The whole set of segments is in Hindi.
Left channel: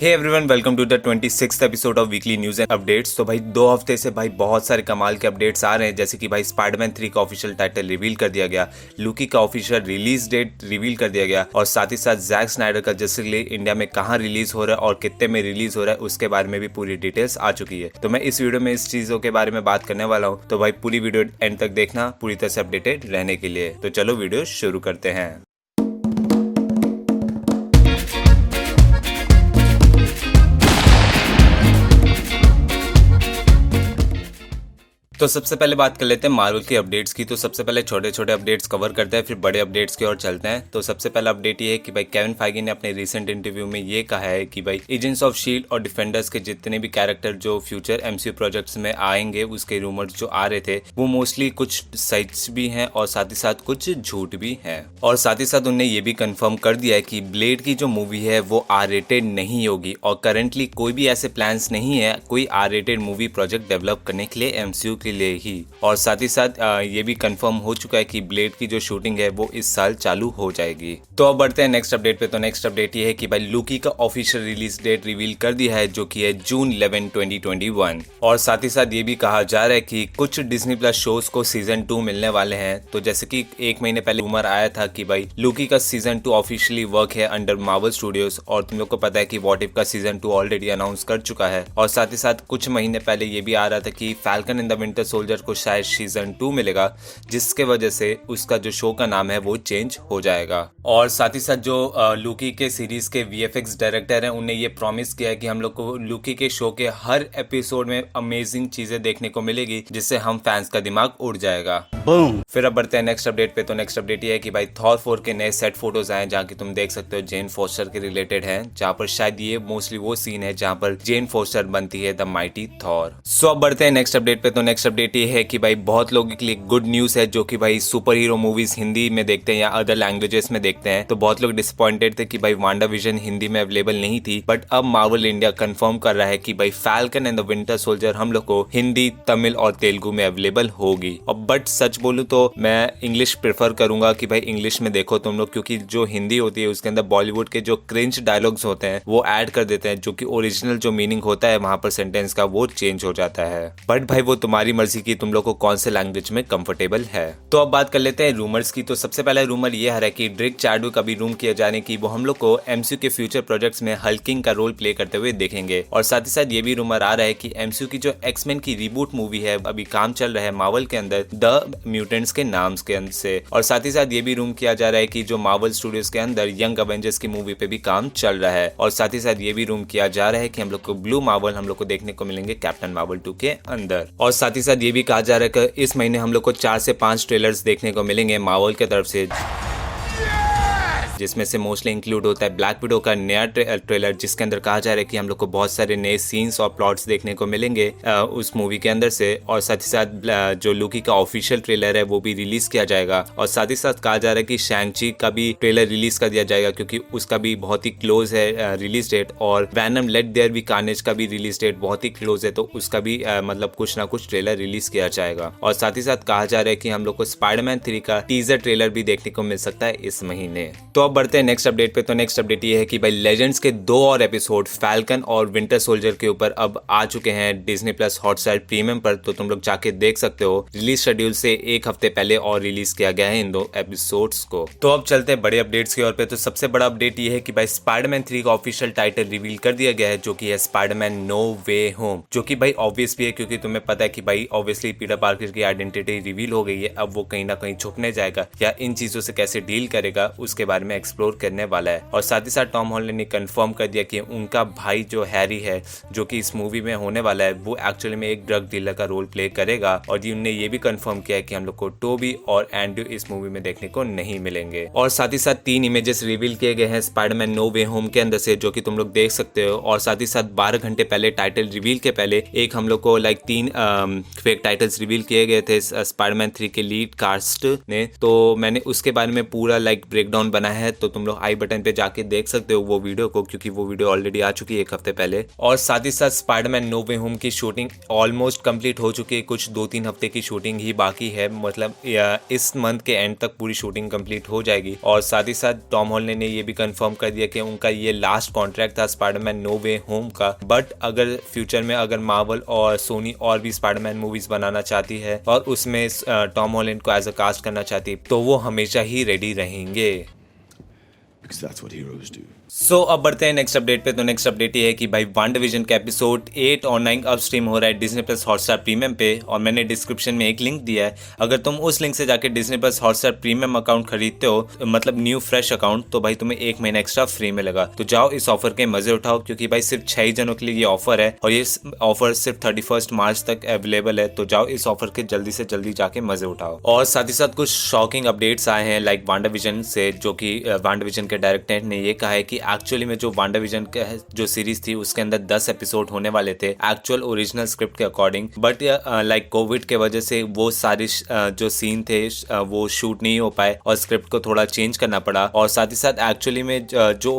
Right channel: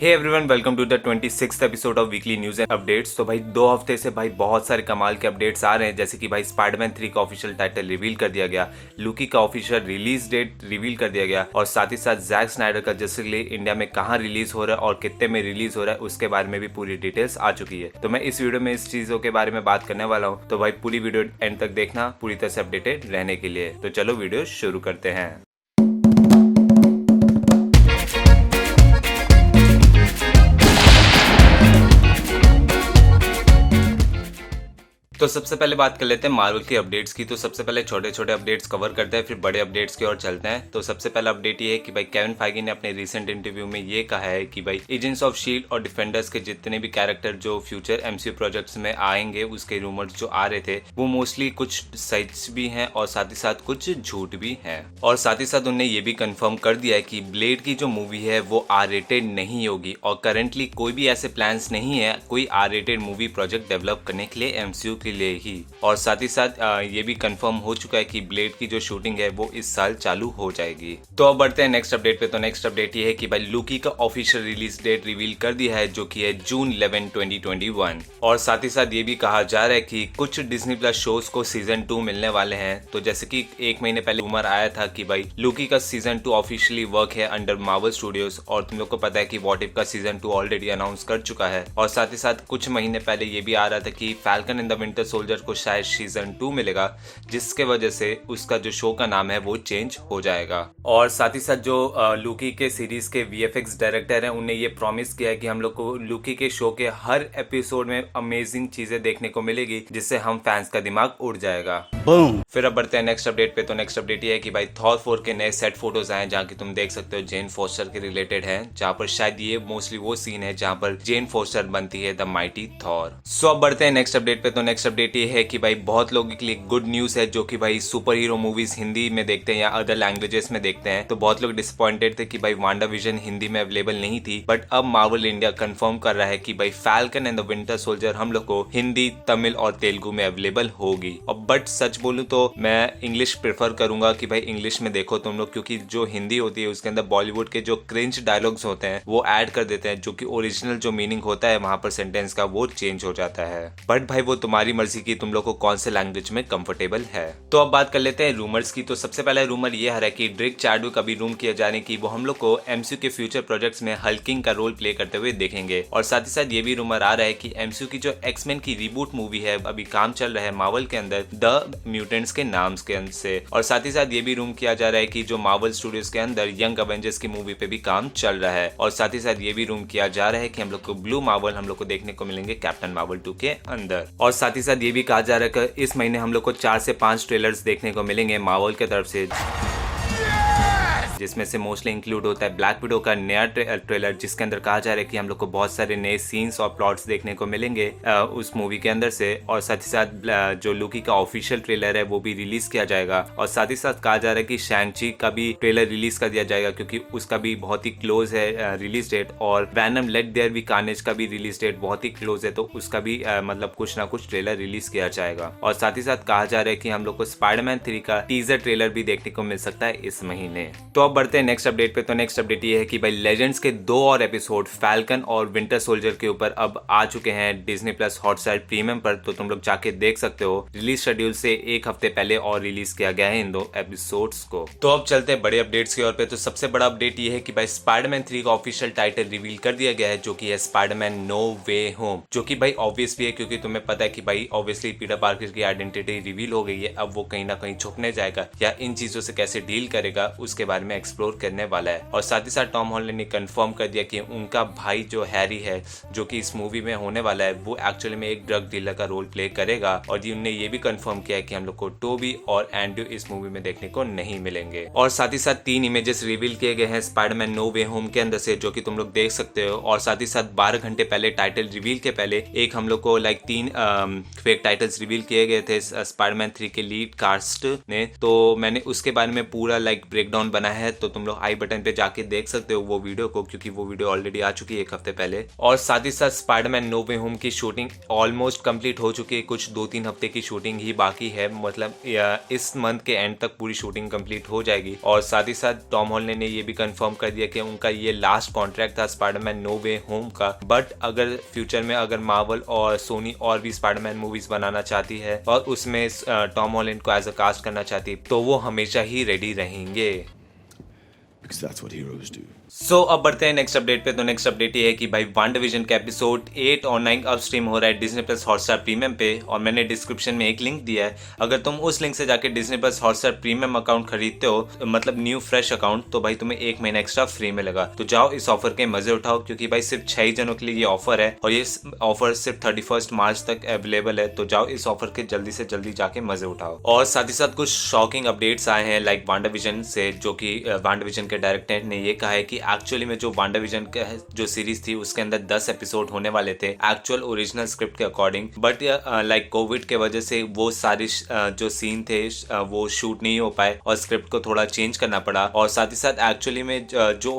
Hey everyone, welcome to the 26th episode of weekly news and updates. तो भाई 2 हफ्ते से भाई बहुत सारे कमाल के अपडेट्स आ रहे हैं, जैसे कि भाई स्पाइडरमैन 3 का ऑफिशियल टाइटल रिवील कर दिया गया, लूकी का ऑफिशियल रिलीज डेट रिवील कर दिया गया, और साथ ही साथ जैक स्नाइडर का जस्टिस लीग इंडिया में कहाँ रिलीज हो रहा है और कितने में रिलीज हो रहा है उसके बारे में भी पूरी डिटेल्स आ चुकी है। तो मैं इस वीडियो में इस चीजों के बारे में बात करने वाला हूँ, तो भाई पूरी वीडियो एंड तक देखना पूरी तरह से अपडेटेड रहने के लिए। तो चलो वीडियो शुरू करते हैं। तो सबसे पहले बात कर लेते हैं मार्वल की अपडेट्स की। तो सबसे पहले छोटे छोटे अपडेट्स कवर करते हैं, फिर बड़े अपडेट्स की ओर चलते हैं। तो सबसे पहला अपडेट ये है कि भाई केविन फाइगी ने अपने रिसेंट इंटरव्यू में ये कहा है कि भाई एजेंट्स ऑफ शील्ड और डिफेंडर्स के जितने भी कैरेक्टर जो फ्यूचर एमसीयू प्रोजेक्ट्स में आएंगे उसके रूमर्स जो आ रहे थे वो मोस्टली कुछ सच भी हैं और साथ ही साथ कुछ झूठ भी हैं। और साथ ही साथ उन्होंने ये भी कंफर्म कर दिया है कि ब्लेड की जो मूवी है वो आर रेटेड नहीं होगी, और करंटली कोई भी ऐसे प्लान्स नहीं है कोई R rated movie project develop करने के लिए एमसीयू के लिए ही। और साथ ही साथ ये भी कंफर्म हो चुका है कि ब्लेड की जो शूटिंग है वो इस साल चालू हो जाएगी। तो अब बढ़ते हैं नेक्स्ट अपडेट पे। तो नेक्स्ट अपडेट ये है कि भाई लूकी का ऑफिशियल रिलीज डेट रिवील कर दिया है, जो कि है जून 11, 2021। और साथ ही साथ ये भी कहा जा रहा है कि कुछ डिज्नी प्लस शोज को सीजन 2 मिलने वाले हैं। तो जैसे कि एक महीने पहले रूमर आया था कि भाई लूकी का सीजन 2 ऑफिशियली वर्क है अंडर मार्वल स्टूडियोज, और तुम लोग को पता है कि व्हाट इफ का सीजन 2 ऑलरेडी अनाउंस कर चुका है। और साथ ही साथ कुछ महीने पहले ये भी आ रहा था कि falcon and the Winter soldier को शायद सीजन 2 मिलेगा, जिसके वजह से उसका जो शो का नाम है वो चेंज हो जाएगा। और साथ ही साथ जो लूकी के सीरीज के वीएफएक्स डायरेक्टर हैं उन्हें ये प्रॉमिस किया है कि हम लोग को लूकी के शो के हर एपिसोड में अमेजिंग चीजें देखने को मिलेगी, जिससे हम फैंस का दिमाग उड़ जाएगा। फिर अब बढ़ते हैं नेक्स्ट अपडेट पे। तो नेक्स्ट अपडेट ये है कि भाई थॉर 4 के नए सेट फोटोज आए, जहाँ की तुम देख सकते हो जेन फोस्टर के रिलेटेड है, जहाँ पर शायद ये मोस्टली वो सीन है जहाँ पर जेन फोस्टर बनती है द माइटी थॉर। सो अब बढ़ते हैं नेक्स्ट अपडेट पे। तो नेक्स्ट अपडेट ये है कि भाई बहुत लोगों के लिए गुड न्यूज है, जो कि भाई सुपर हीरो मूवीज हिंदी में देखते हैं या अदर लैंग्वेजेस में देखते हैं। तो बहुत लोग डिसअपॉइंटेड थे कि भाई वांडा विजन हिंदी में अवेलेबल नहीं थी, बट अब मार्वल इंडिया कंफर्म कर रहा है कि भाई falcon and the Winter soldier हम लोग को हिंदी, तमिल और तेलुगु में अवेलेबल होगी। और बट सच बोलूं तो मैं इंग्लिश प्रेफर करूंगा कि भाई इंग्लिश में देखो तुम लोग, क्योंकि जो हिंदी होती है उसके अंदर बॉलीवुड के जो क्रिंज डायलॉग्स होते हैं वो ऐड कर देते हैं, जो कि ओरिजिनल जो मीनिंग होता है वहां पर सेंटेंस का वो चेंज हो जाता है। बट भाई वो तुम्हारी मर्जी की तुम लोग को कौन से लैंग्वेज में कंफर्टेबल है। तो अब बात कर लेते हैं रूमर्स की। तो सबसे पहला रूमर यह है कि ड्रिक चैडविक अभी रूम किया जाने की वो हम लोग को एमसीयू के फ्यूचर प्रोजेक्ट्स में हल्किंग का रोल प्ले करते हुए देखेंगे। और साथ ही साथ ये भी रूमर आ रहा है कि एमसीयू की जो एक्समैन की रिबूट मूवी है अभी काम चल रहा है मार्वल के अंदर द म्यूटेंट्स के नाम के अंदर से। और साथ ही साथ ये भी रूम किया जा रहा है कि जो मार्वल स्टूडियोज के अंदर यंग अवेंजर्स की मूवी पे भी काम चल रहा है। और साथ ही साथ ये भी रूम किया जा रहा है कि हम लोग को ब्लू मार्वल हम लोग को देखने को मिलेंगे कैप्टन मार्वल 2 के अंदर। और साथ ही साथ ये भी कहा जा रहा है कि इस महीने हम लोग को 4 से 5 ट्रेलर्स देखने को मिलेंगे मार्वल की तरफ से, जिसमें से मोस्टली इंक्लूड होता है ब्लैक विडो का नया ट्रेलर, जिसके अंदर कहा जा रहा है कि हम लोग को बहुत सारे नए सीन्स और प्लॉट्स देखने को मिलेंगे उस मूवी के अंदर से। और साथ ही साथ जो लूकी का ऑफिशियल ट्रेलर है वो भी रिलीज किया जाएगा। और साथ ही साथ कहा जा रहा है कि शैंग-ची का भी ट्रेलर रिलीज कर दिया जाएगा, क्योंकि उसका भी बहुत ही क्लोज है रिलीज डेट। और Venom let there be Carnage का भी रिलीज डेट बहुत ही क्लोज है, तो उसका भी मतलब कुछ ना कुछ ट्रेलर रिलीज किया जाएगा। और साथ ही साथ कहा जा रहा है कि हम लोग को स्पाइडरमैन 3 का टीजर ट्रेलर भी देखने को मिल सकता है इस महीने। तो अब बढ़ते हैं नेक्स्ट अपडेट पे। तो नेक्स्ट अपडेट ये है कि भाई लेजेंड्स के 2 और एपिसोड फैल्कन और विंटर सोल्जर के ऊपर अब आ चुके हैं डिज्नी प्लस हॉटस्टार प्रीमियम पर, तो तुम लोग जाके देख सकते हो। रिलीज शेड्यूल से एक हफ्ते पहले और रिलीज किया गया है इन 2 एपिसोड्स को। तो अब चलते हैं बड़े अपडेट्स की ओर पे। तो सबसे बड़ा अपडेट ये है कि भाई स्पाइडरमैन 3 का ऑफिशियल टाइटल रिवील कर दिया गया है, जो कि है स्पाइडरमैन नो वे होम, जो कि भाई ऑब्वियस भी है क्योंकि तुम्हें पता है कि भाई ऑब्वियसली पीटर पार्कर की आइडेंटिटी रिवील हो गई है। अब वो कहीं ना कहीं छुपने जाएगा या इन चीजों से कैसे डील करेगा उसके बारे में एक्सप्लोर करने वाला है। और साथ ही साथ टॉम हॉलैंड ने कंफर्म कर दिया कि उनका भाई जो हैरी है, जो कि इस मूवी में होने वाला है, वो एक्चुअली में एक ड्रग डीलर का रोल प्ले करेगा। और उन्होंने ये भी कंफर्म किया है कि हम लोग को टोबी और एंड्रू इस मूवी में देखने को नहीं मिलेंगे। और साथ ही साथ 3 इमेजेस रिवील किए गए हैं स्पाइडरमैन नो वे होम के अंदर से, जो कि तुम लोग देख सकते हो। और साथ ही साथ 12 घंटे पहले टाइटल रिवील के पहले एक हम लोग को 3 फेक टाइटल्स रिवील किए गए थे स्पाइडरमैन 3 के लीड कास्ट ने। तो मैंने उसके बारे में पूरा ब्रेकडाउन बनाया है तो तुम लोग आई बटन पे जाके देख सकते हो वो वीडियो को, क्योंकि वो वीडियो ऑलरेडी आ चुकी है एक हफ्ते पहले। और साथ ही साथ स्पाइडरमैन नो वे होम की शूटिंग ऑलमोस्ट कंप्लीट हो चुकी है, कुछ 2-3 हफ्ते की शूटिंग ही बाकी है, मतलब इस मंथ के एंड तक पूरी शूटिंग कंप्लीट हो जाएगी। और साथ ही साथ टॉम हॉलैंड ने ये भी कंफर्म कर दिया कि उनका ये लास्ट कॉन्ट्रैक्ट था स्पाइडरमैन नो वे होम का, बट अगर फ्यूचर में अगर मार्वल और सोनी और भी स्पाइडरमैन मूवीज बनाना चाहती है और उसमें टॉम हॉलैंड को एज अ कास्ट करना चाहती है तो वो हमेशा ही रेडी रहेंगे। Because that's what heroes do. सो अब बढ़ते हैं नेक्स्ट अपडेट पे। तो नेक्स्ट अपडेट ये है कि भाई वांडाविजन का एपिसोड 8 और 9 अब स्ट्रीम हो रहा है डिज्नी प्लस हॉटस्टार प्रीमियम पे, और मैंने डिस्क्रिप्शन में एक लिंक दिया है। अगर तुम उस लिंक से जाके Disney plus Hotstar premium account खरीदते हो, मतलब न्यू फ्रेश अकाउंट, तो भाई तुम्हें 1 महीना एक्स्ट्रा फ्री मिलेगा। तो जाओ इस ऑफर के मजे उठाओ, क्योंकि भाई सिर्फ 6 जनों के लिए ये ऑफर है और ये ऑफर सिर्फ 31 मार्च तक अवेलेबल है। तो जाओ इस ऑफर के जल्दी से जल्दी जाके मजे उठाओ। और साथ ही साथ कुछ शॉकिंग अपडेट्स आए हैं लाइक वांडाविजन से, जो कि वांडाविजन के डायरेक्टर ने ये कहा है कि एक्चुअली में जो वांडाविजन का जो सीरीज थी उसके अंदर 10 एपिसोड होने वाले थे एक्चुअल ओरिजिनल स्क्रिप्ट के अकॉर्डिंग, बट लाइक कोविड के वजह से वो सारे जो सीन थे वो शूट नहीं हो पाए और स्क्रिप्ट को थोड़ा चेंज करना पड़ा। और साथ ही साथ एक्चुअली में जो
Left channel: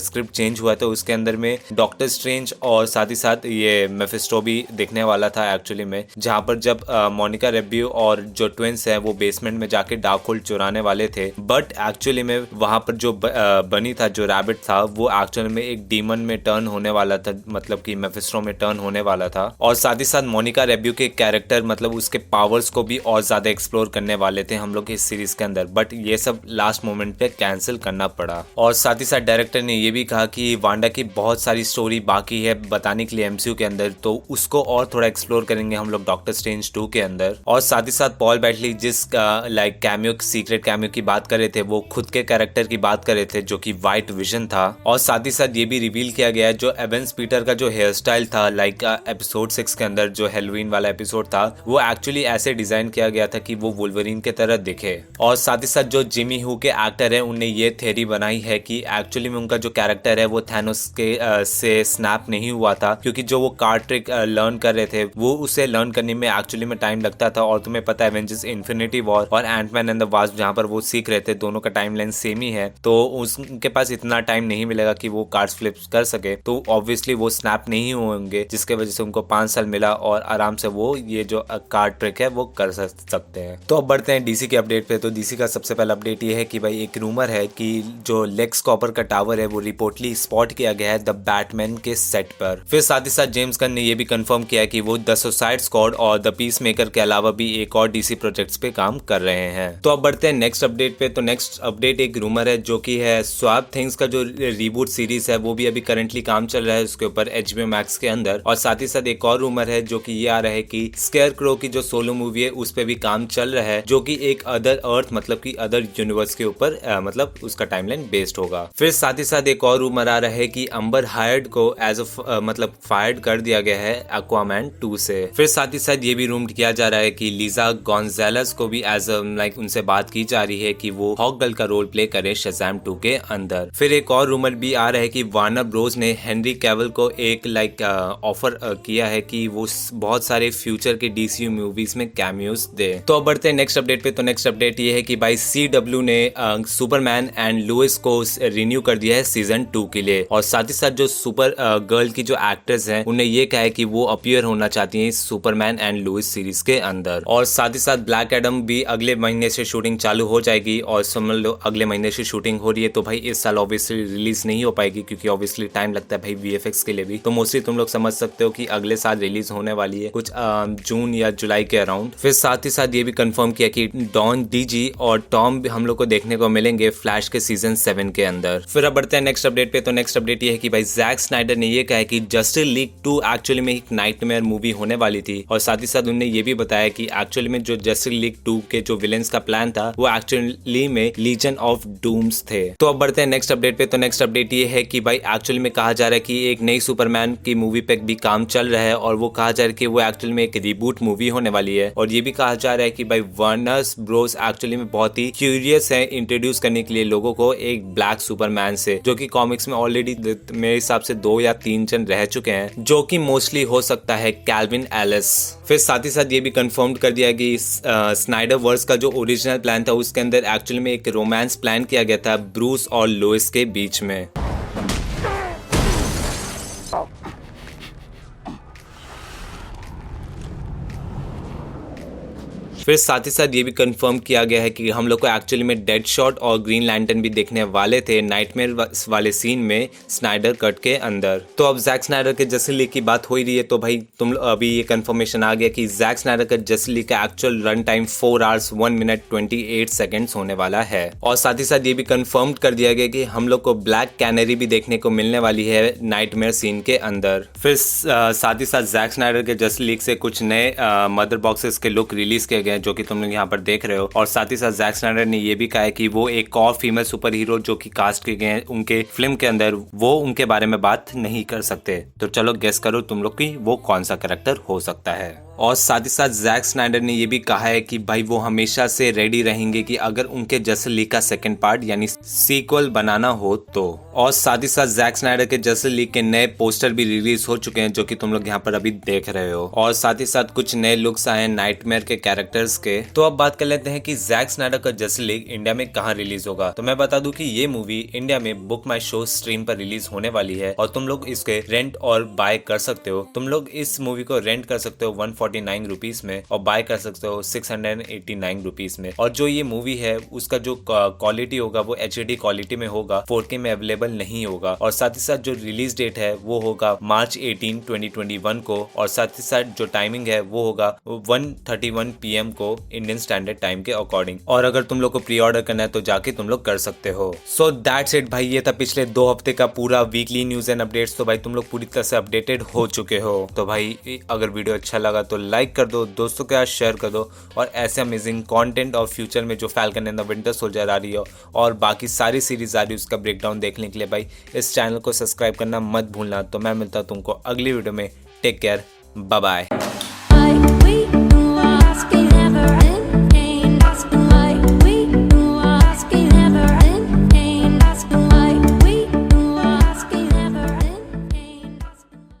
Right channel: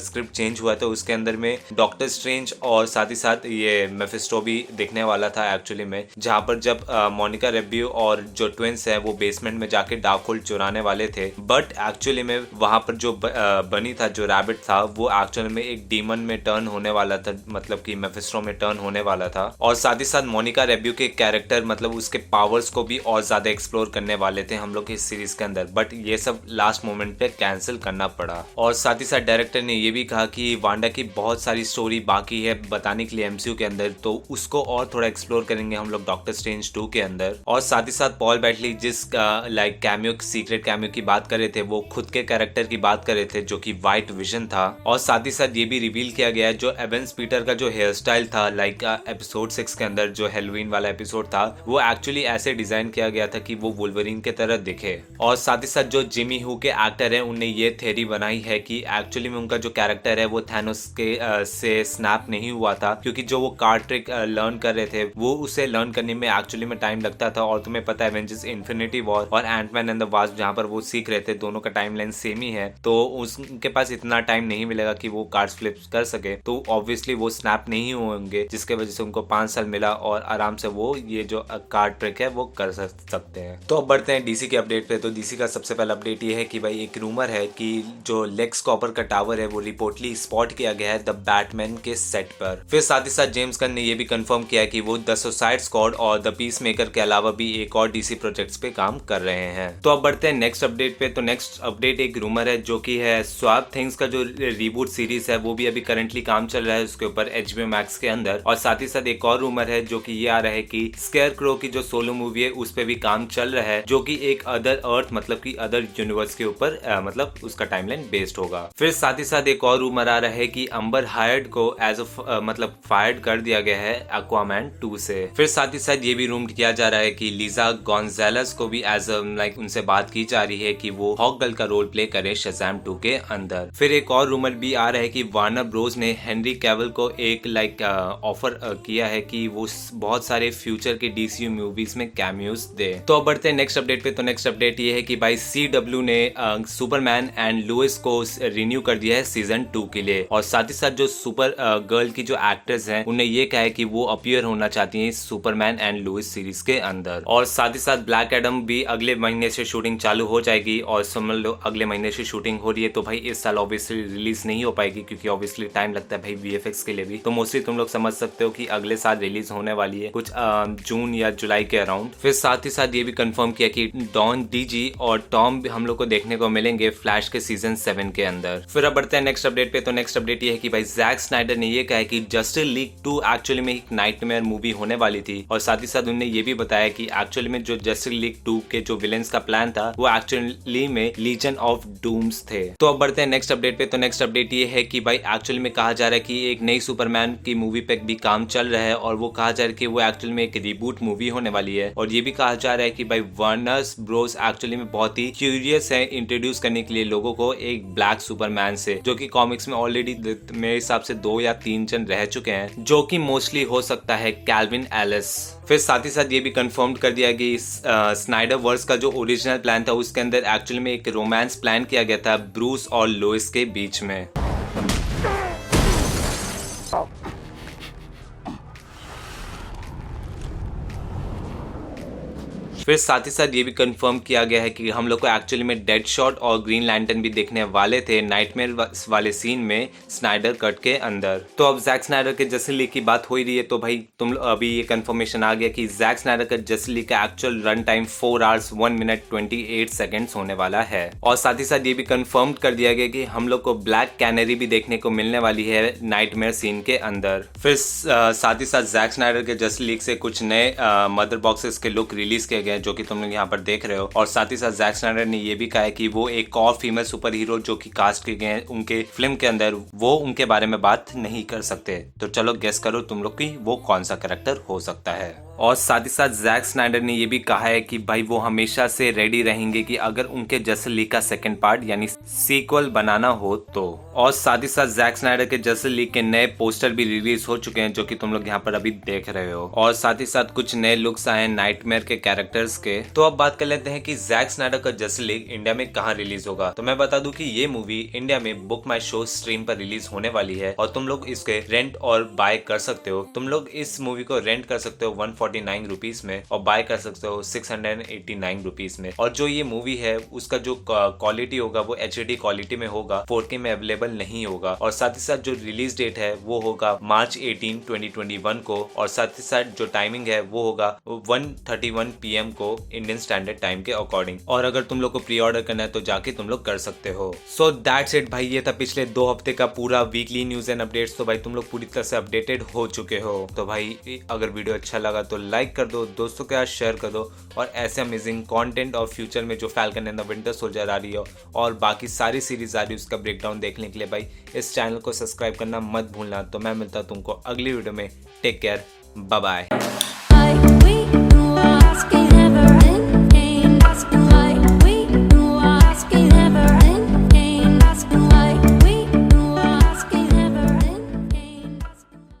स्क्रिप्ट चेंज हुआ था उसके अंदर में डॉक्टर स्ट्रेंज और साथ ही साथ ये मेफिस्टो भी दिखने वाला था एक्चुअली में, जहाँ पर जब मोनिका रेब्बियो और जो ट्विंस है वो बेसमेंट में जाके डार्क होल्ड चुराने वाले थे, बट एक्चुअली में वहां पर जो बनी था जो रैबिट था वो एक्चुअली में एक डीमन में टर्न होने वाला था, मतलब कि मेफिस्टो में टर्न होने वाला था। और साथ ही साथ मोनिका रेब्बियो के कैरेक्टर मतलब उसके पावर्स को भी और ज्यादा एक्सप्लोर करने वाले थे हम लोग इस सीरीज के अंदर, बट ये सब लास्ट मोमेंट पे कैंसिल करना पड़ा। और साथ ही साथ डायरेक्टर ने ये भी कहा कि वांडा की बहुत सारी स्टोरी बाकी है बताने के लिए एमसीयू के अंदर, तो उसको और थोड़ा एक्सप्लोर करेंगे हम लोग डॉक्टर स्ट्रेंज 2 के अंदर। और साथ ही साथ पॉल बैटली जिस लाइक कैमियो सीक्रेट कैमियो की बात कर रहे थे वो खुद के कैरेक्टर की बात कर रहे थे जो कि व्हाइट विजन था। और साथ ही साथ ये भी रिवील किया गया है जो एवेंस पीटर का जो हेयर स्टाइल था लाइक एपिसोड 6 के अंदर जो हेलोवीन वाला एपिसोड था वो एक्चुअली ऐसे डिजाइन किया गया था कि वो वुल्वरीन के तरह दिखे। और साथ ही साथ जो जिमी हू के एक्टर है उनने ये थ्योरी बनाई है कि एक्चुअली में उनका जो कैरेक्टर है वो थैनोस के से स्नैप नहीं हुआ था, क्योंकि जो वो कार्ड ट्रिक लर्न कर रहे थे वो उसे लर्न करने में एक्चुअली में टाइम लगता था। और तुम्हें पता है एवेंजर्स इन्फिनिटी वॉर और एंटमैन एंड द वास्प जहाँ पर वो सीख रहे थे दोनों का टाइम लाइन सेम ही है, तो उनके पास इतना टाइम नहीं मिलेगा कि वो कार्ड्स फ्लिप कर सके, तो ऑब्वियसली वो स्नैप नहीं होंगे, जिसके वजह से उनको 5 साल मिला और आराम से वो ये जो कार्ड ट्रिक है वो कर सकते हैं। तो अब बढ़ते हैं डीसी के अपडेट पे। तो डीसी का सबसे पहला अपडेट ये है कि भाई एक रूमर है कि जो लेक्स कॉपर का टावर है वो रिपोर्टली स्पॉट किया गया है द बैटमैन के सेट पर। फिर साथ ही साथ जेम्स गन ने ये भी कंफर्म किया कि वो द सुसाइड स्क्वाड और द पीस मेकर के अलावा भी एक और डीसी प्रोजेक्ट्स पे काम कर रहे हैं। तो अब बढ़ते हैं नेक्स्ट अपडेट पे। तो नेक्स्ट अपडेट एक रूमर है जो कि है स्वैप थिंग्स का जो रीबूट सीरीज है वो भी अभी करंटली काम चल रहा है उसके ऊपर HBO मैक्स के अंदर। और साथ ही साथ एक और रूमर है जो कि ये आ रहा है कि स्केयर क्रो की जो सोलो मूवी है उस पे भी काम चल रहा है, जो कि एक अदर अर्थ मतलब कि अदर यूनिवर्स के ऊपर मतलब उसका टाइमलाइन बेस्ड होगा। फिर साथ ही साथ एक और रूमर आ रहा है कि अंबर हायर्ड को एज मतलब फायर्ड कर दिया गया है एक्वामैन 2 से। फिर साथ ही साथ ये भी रूम किया जा रहा है कि लीजा गोंजालेस को भी एज लाइक उनसे बात की जा रही है कि वो हॉक गर्ल का रोल प्ले करे शज़ैम 2 के अंदर। फिर एक और रूमर भी आ रहा है कि वार्नर ब्रोस ने हेनरी कैविल को एक लाइक ऑफर किया है कि वो बहुत सारे फ्यूचर के डीसीयू मूवीज में कैमियोज दे। तो अब बढ़ते हैं नेक्स्ट अपडेट पे। तो नेक्स्ट अपडेट ये है कि भाई CW ने सुपरमैन एंड लुइस को रिन्यू कर दिया है सीजन 2 के लिए। और साथ ही साथ जो सुपर गर्ल की जो एक्ट्रेस हैं उन्हें ये कहा है कि वो अपीयर होना चाहती हैं सुपरमैन एंड लुइस सीरीज के अंदर। और साथ ही साथ ब्लैक एडम भी अगले महीने से शूटिंग चालू हो जाएगी। और समझ लो अगले महीने से शूटिंग हो रही है तो भाई इस साल ऑब्वियसली रिलीज नहीं हो पाएगी, क्योंकि ऑब्वियसली टाइम लगता है भाई VFX के लिए भी। तो मोस्टली तुम लोग समझ सकते हो कि अगले साल रिलीज होने वाली है कुछ जून या जुलाई के अराउंड। फिर साथ ही साथ ये भी कंफर्म किया कि डॉन डीजी और टॉम हम लोग को देखने को मिलेंगे फ्लैश के सीजन 7 के अंदर। फिर अब बढ़ते हैं नेक्स्ट अपडेट पे। तो नेक्स्ट अपडेट ये है कि भाई जैक स्नाइडर ने ये कहा है कि जस्टिस लीग 2 एक्चुअली में एक नाइटमेयर मूवी होने वाली थी। और साथ ही साथ उन्होंने ये भी बताया कि एक्चुअली में जो जस्टिस लीग 2 के जो विलेंस का प्लान था वो एक्चुअली में लीजन ऑफ डूम्स थे। तो अब बढ़ते हैं नेक्स्ट अपडेट पे। तो नेक्स्ट अपडेट ये है कि भाई एक्चुअली में कहा जा रहा है कि एक नई सुपरमैन की मूवी पे भी काम चल रहा है और वो कहा जा रहा है कि वो एक्चुअली में एक रिबूट मूवी होने वाली है। और ये भी कहा जा रहा है कि भाई वार्नर ब्रोस एक्चुअली में बहुत ही क्यूरियस है इंट्रोड्यूस करने के लिए लोगों को एक ब्लैक सुपरमैन से, जो कि कॉमिक्स में ऑलरेडी मेरे हिसाब से 2 या 3 जन रह चुके हैं, जो कि मोस्टली हो सकता है कैल्विन एलिस। फिर साथ ही साथ ये भी कंफर्म कर दिया कि स्नाइडर वर्स का जो ओरिजिनल प्लान था उसके अंदर एक्चुअली में एक रोमांस प्लान किया गया था ब्रूस और लोइस के बीच में। फिर साथ ही साथ ये भी कंफर्म किया गया है कि हम लोग को एक्चुअली में डेड शॉट और ग्रीन लैंटर्न भी देखने वाले थे नाइटमेयर वाले सीन में स्नाइडर कट के अंदर। तो अब जैक स्नाइडर के जस्टिस लीग की बात हो ही रही है, तो भाई तुम अभी ये कंफर्मेशन आ गया कि जैक स्नाइडर का जस्टिस लीग का actual run time 4 hours 1 minute 28 seconds होने वाला है। और साथ ही साथ ये भी कंफर्म कर दिया गया कि हम लोग को ब्लैक कैनरी भी देखने को मिलने वाली है नाइटमेयर सीन के अंदर। फिर साथ ही साथ जैक स्नाइडर के जस्टिस लीग से कुछ नए मदर बॉक्सेस के लुक रिलीज किए गए जो कि तुम लोग यहाँ पर देख रहे हो। और साथ ही साथ जैक स्नाइडर ने ये भी कहा है कि वो एक और फीमेल सुपर हीरो जो कि कास्ट किए गए हैं उनके फिल्म के अंदर, वो उनके बारे में बात नहीं कर सकते। तो चलो गेस करो तुम लोग की वो कौन सा कैरेक्टर हो सकता है। और साथ ही साथ जैक स्नाइडर ने ये भी कहा है कि भाई वो हमेशा से रेडी रहेंगे कि अगर उनके जस्टिस लीग का सेकंड पार्ट यानी सीक्वल बनाना हो तो। और साथ ही साथ जैक स्नाइडर के जस्टिस लीग के नए पोस्टर भी रिलीज हो चुके हैं जो कि तुम लोग यहाँ पर अभी देख रहे हो। और साथ ही साथ कुछ नए लुक्स आए हैं नाइटमेयर के कैरेक्टर्स के। तो अब बात कर लेते हैं कि जैक स्नाइडर का जस्टिस लीग इंडिया में कहाँ रिलीज होगा। तो मैं बता दूं कि ये मूवी इंडिया में बुक माई शो स्ट्रीम पर रिलीज होने वाली है और तुम लोग इसके रेंट और बाय कर सकते हो। तुम लोग इस मूवी को रेंट कर सकते हो 149 रुपीज में और बाय कर सकते हो 689 रुपीज में। और जो ये मूवी है उसका जो क्वालिटी होगा वो HD क्वालिटी में होगा, 4K में अवेलेबल नहीं होगा। और साथ ही साथ जो रिलीज डेट है वो होगा मार्च 18, 2021 को। और साथ ही साथ जो टाइमिंग है वो होगा 1:31 PM को इंडियन स्टैंडर्ड टाइम के अकॉर्डिंग। और अगर तुम लोग को प्री ऑर्डर करना है तो जाके तुम लोग कर सकते हो। सो दैट्स इट भाई, ये था पिछले 2 हफ्ते का पूरा वीकली न्यूज एंड अपडेट्स। तो भाई तुम लोग पूरी तरह से अपडेटेड हो चुके हो। तो भाई अगर वीडियो अच्छा लगा तो लाइक कर दो, दोस्तों के साथ शेयर कर दो। और ऐसे अमेजिंग कंटेंट और फ्यूचर में जो Falcon and the Winter Soldier आ रही है और बाकी सारी सीरीज आ रही है उसका ब्रेकडाउन देखने के लिए भाई इस चैनल को सब्सक्राइब करना मत भूलना। तो मैं मिलता हूं तुमको अगली वीडियो में। Take care, bye bye.